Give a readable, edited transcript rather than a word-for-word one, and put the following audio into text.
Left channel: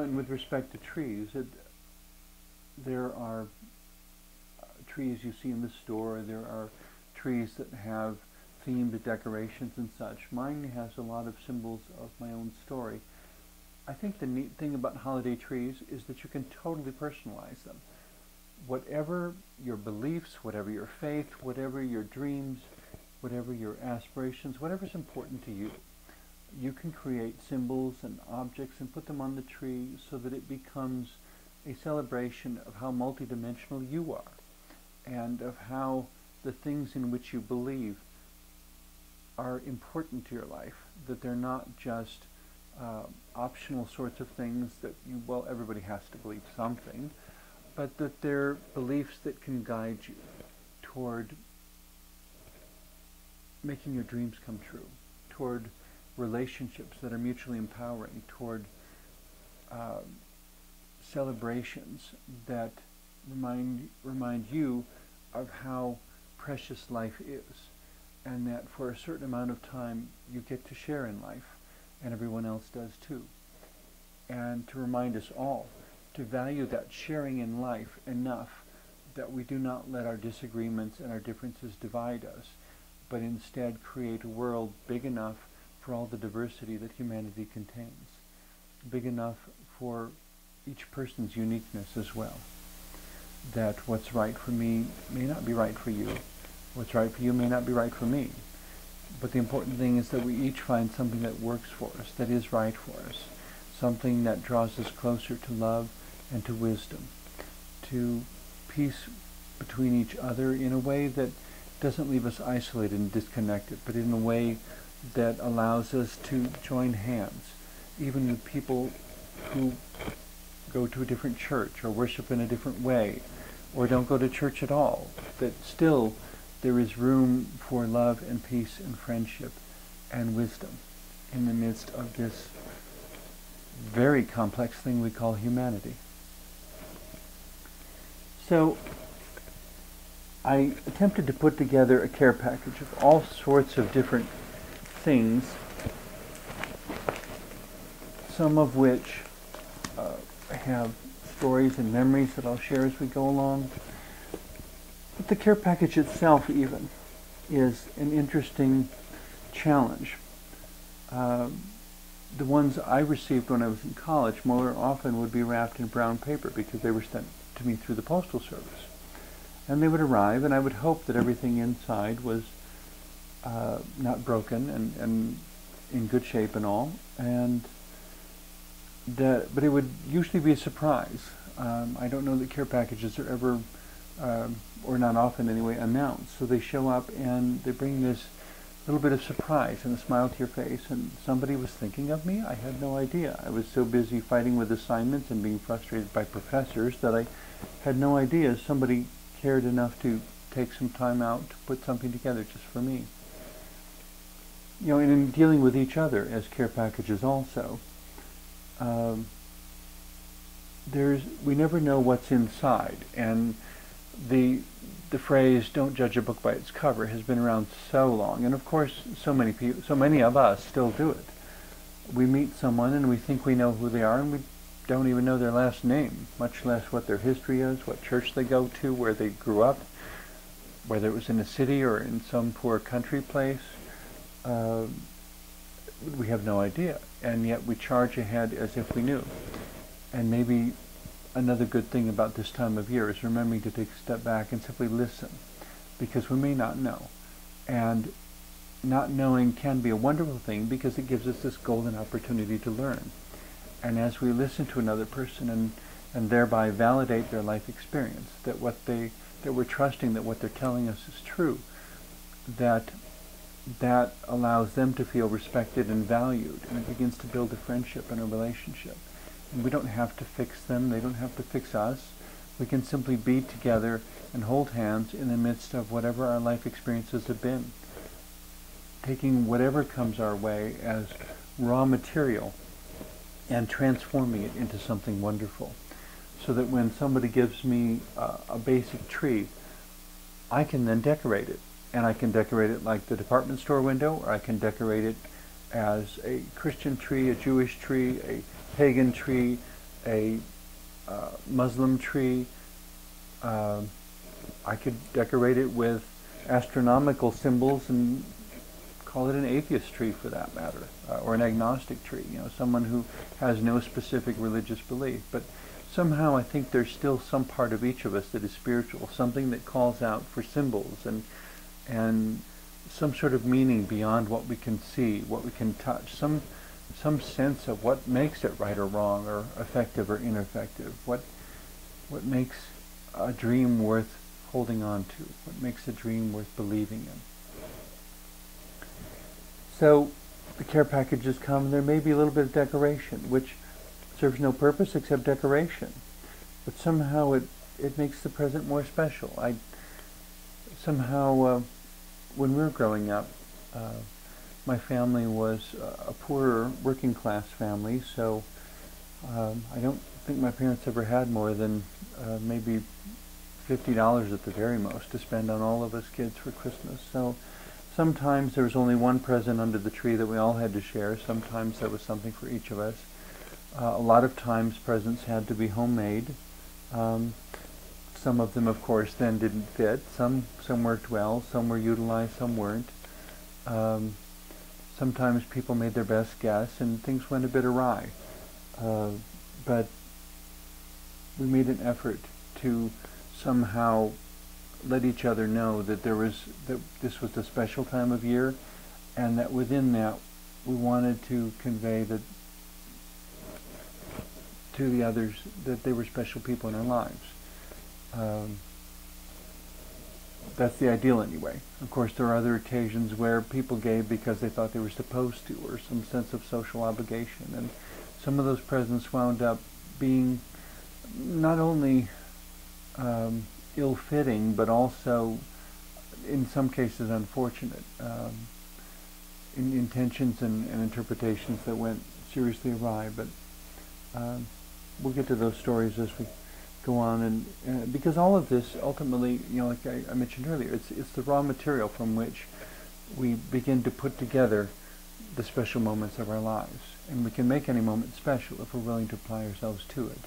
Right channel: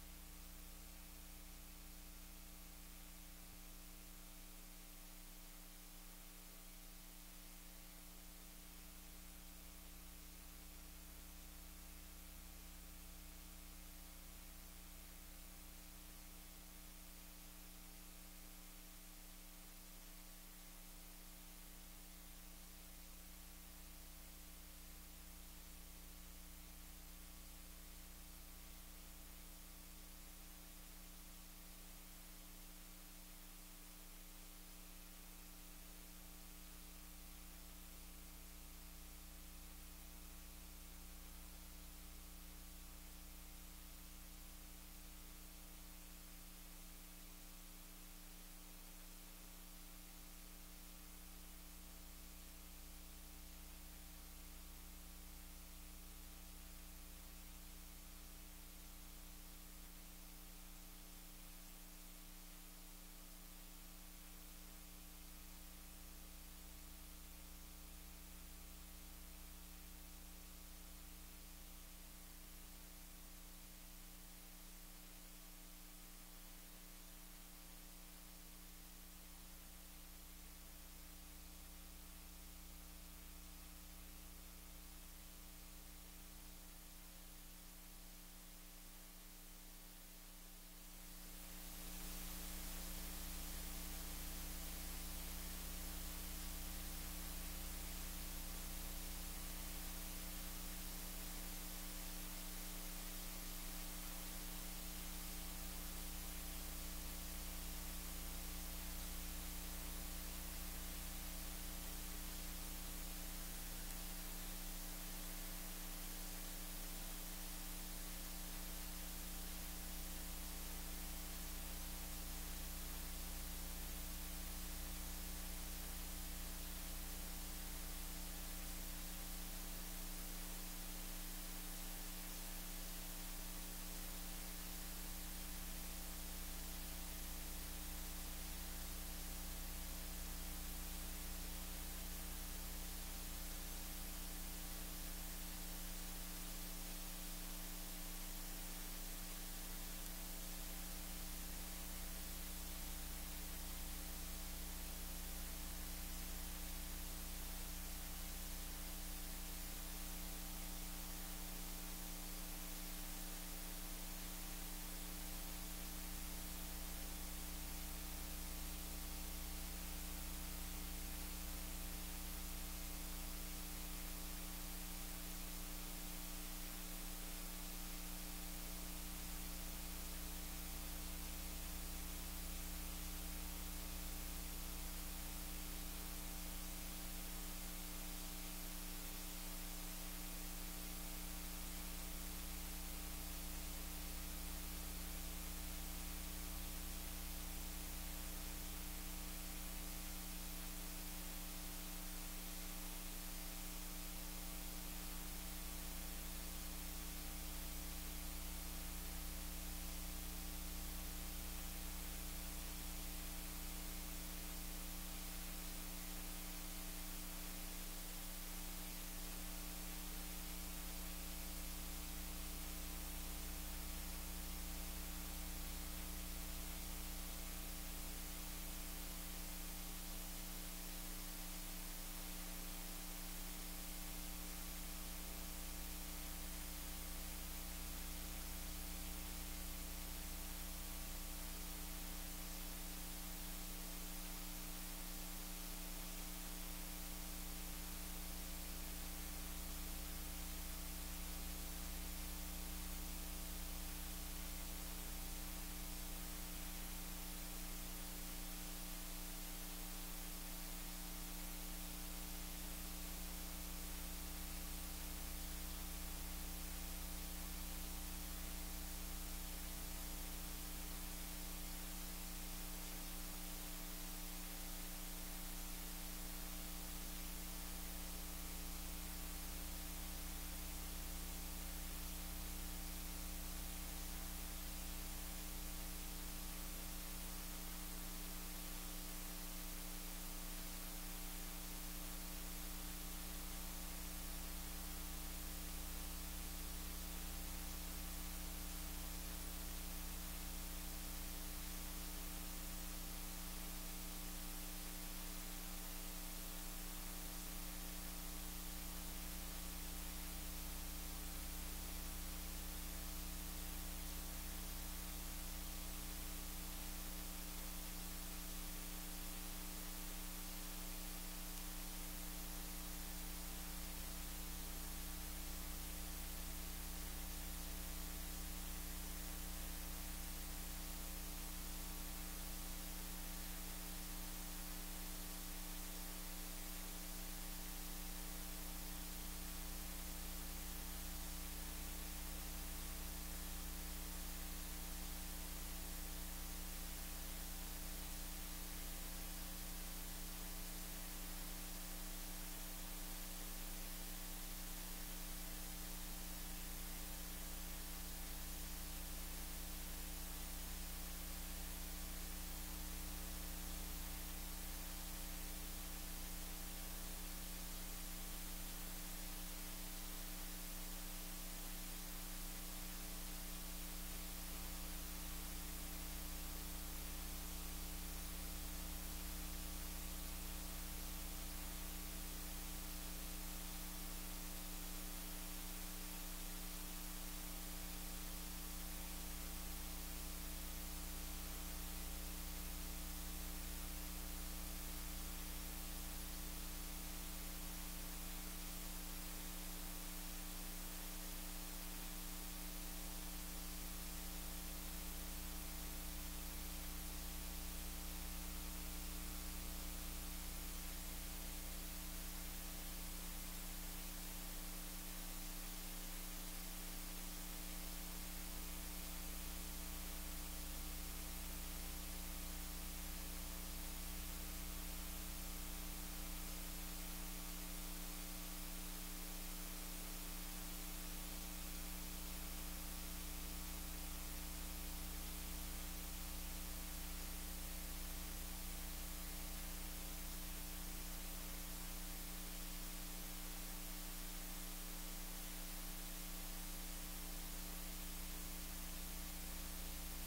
And with respect to trees, there are trees you see in the store. There are trees that have themed decorations and such. Mine has a lot of symbols of my own story. I think the neat thing about holiday trees is that you can totally personalize them. Whatever your beliefs, whatever your faith, whatever your dreams, whatever your aspirations, whatever's important to you, you can create symbols and objects and put them on the tree so that it becomes a celebration of how multidimensional you are and of how the things in which you believe are important to your life, that they're not just optional sorts of things that everybody has to believe something, but that they're beliefs that can guide you toward making your dreams come true, toward relationships that are mutually empowering, toward celebrations that remind you of how precious life is, and that for a certain amount of time you get to share in life, and everyone else does too. And to remind us all to value that sharing in life enough that we do not let our disagreements and our differences divide us, but instead create a world big enough for all the diversity that humanity contains, big enough for each person's uniqueness as well. That what's right for me may not be right for you. What's right for you may not be right for me. But the important thing is that we each find something that works for us, that is right for us, something that draws us closer to love and to wisdom, to peace between each other in a way that doesn't leave us isolated and disconnected, but in a way that allows us to join hands, even with people who go to a different church or worship in a different way or don't go to church at all, that still there is room for love and peace and friendship and wisdom in the midst of this very complex thing we call humanity. So I attempted to put together a care package of all sorts of different things, some of which have stories and memories that I'll share as we go along. But the care package itself even is an interesting challenge. The ones I received when I was in college more often would be wrapped in brown paper because they were sent to me through the Postal Service. And they would arrive, and I would hope that everything inside was not broken and in good shape and all. But it would usually be a surprise. I don't know that care packages are ever, or not often anyway, announced. So they show up and they bring this little bit of surprise and a smile to your face, and somebody was thinking of me? I had no idea. I was so busy fighting with assignments and being frustrated by professors that I had no idea somebody cared enough to take some time out to put something together just for me. And in dealing with each other as care packages also, we never know what's inside, and the phrase "don't judge a book by its cover" has been around so long, and of course so many of us still do it. We meet someone and we think we know who they are, and we don't even know their last name, much less what their history is, what church they go to, where they grew up, whether it was in a city or in some poor country place. We have no idea, and yet we charge ahead as if we knew. And maybe another good thing about this time of year is remembering to take a step back and simply listen, because we may not know. And not knowing can be a wonderful thing because it gives us this golden opportunity to learn. And as we listen to another person and thereby validate their life experience, that we're trusting that what they're telling us is true, that allows them to feel respected and valued, and it begins to build a friendship and a relationship. And we don't have to fix them, they don't have to fix us. We can simply be together and hold hands in the midst of whatever our life experiences have been, taking whatever comes our way as raw material and transforming it into something wonderful, so that when somebody gives me a basic tree, I can then decorate it. And I can decorate it like the department store window, or I can decorate it as a Christian tree, a Jewish tree, a pagan tree, a Muslim tree. I could decorate it with astronomical symbols and call it an atheist tree for that matter, or an agnostic tree, someone who has no specific religious belief. But somehow I think there's still some part of each of us that is spiritual, something that calls out for symbols and some sort of meaning beyond what we can see, what we can touch, some sense of what makes it right or wrong, or effective or ineffective, what makes a dream worth holding on to, what makes a dream worth believing in. So the care packages come, and there may be a little bit of decoration, which serves no purpose except decoration. But somehow it makes the present more special. When we were growing up, my family was a poorer working class family, so I don't think my parents ever had more than maybe $50 at the very most to spend on all of us kids for Christmas. So sometimes there was only one present under the tree that we all had to share. Sometimes there was something for each of us. A lot of times presents had to be homemade. Some of them, of course, then didn't fit. Some worked well, some were utilized, some weren't. Sometimes people made their best guess and things went a bit awry. But we made an effort to somehow let each other know that this was a special time of year, and that within that we wanted to convey that to the others that they were special people in our lives. That's the ideal anyway. Of course, there are other occasions where people gave because they thought they were supposed to, or some sense of social obligation, and some of those presents wound up being not only ill-fitting, but also in some cases unfortunate, in intentions and interpretations that went seriously awry. But we'll get to those stories as we go on, and because all of this ultimately, like I mentioned earlier, it's the raw material from which we begin to put together the special moments of our lives, and we can make any moment special if we're willing to apply ourselves to it.